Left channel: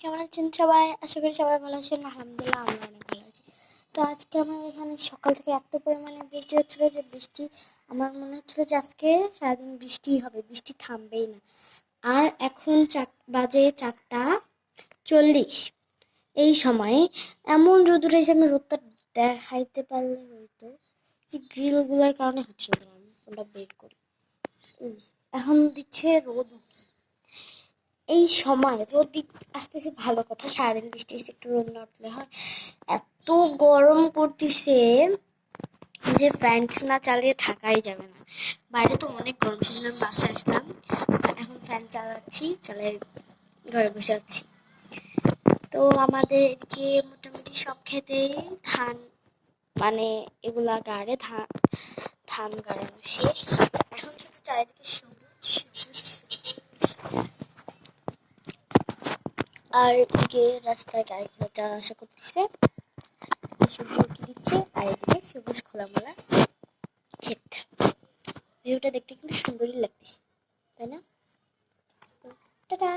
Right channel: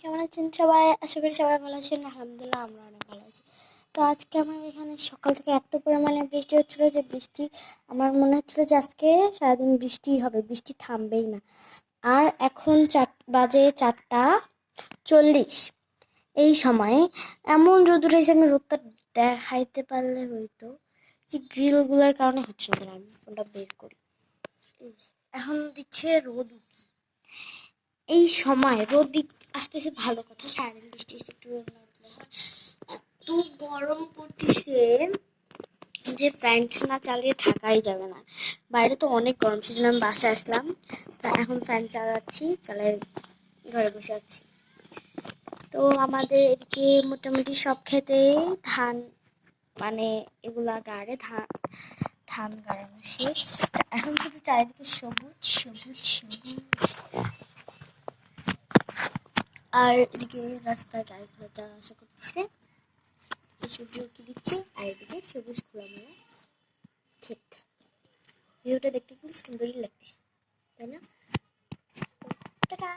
কেমন আছেন সবাই? আশা করি সবাই ভালো আছেন। আলহামদুলিল্লাহ আমরা অনেক ভালো আছি। তো আজকে আমার এখানে সকাল থেকে এত পরিমাণে বৃষ্টি হচ্ছিলো যে আমার মনে হচ্ছিলো যে আজকে সারাদিন বৃষ্টিই হবে, বৃষ্টি থামবেই না। আর এখন বাজে 4:40। এই সময়ে এমন রোদ উঠেছে, আমি রোদটা দেখাইতে পারলে হয়তো যে গ্রিলগুলোর কারণে হচ্ছে না। আমি ফোনটা বের করি, এখন দিচ্ছে রোদ উঠছে। এই সময় রোদ আসতেছে ভালো কথা, সারাদিন বৃষ্টি এসে একটু রোদ না উঠলে হয়। এত গরম পড়তেছে যে ফ্যান না চালিয়ে থাকাই যাবে না। বাইরে তো অনেক গরম, সেজন্য আমি বাসায় আসলাম। এখন ফ্যান চালাই ঘরে বসে আছি। তো আমাদের এদিকে মোটামুটি সব ক্ষেতেই ধান, মানে এগুলা গাড়ে ধান গাড়ানো শেষ। এখন শুধু চারিদিকে সবুজ সবুজ সবুজ। আর এদিকে রাস্তায় গাড়ি ঘোড়া যাওয়া আসা করতেছে, সবজি উঠে দিচ্ছে। আর এদিকে সবুজ খোলামেলা ক্ষেত। ভিউটা দেখতে কিন্তু সুন্দরই লাগতেছে, তাই না? টাটা।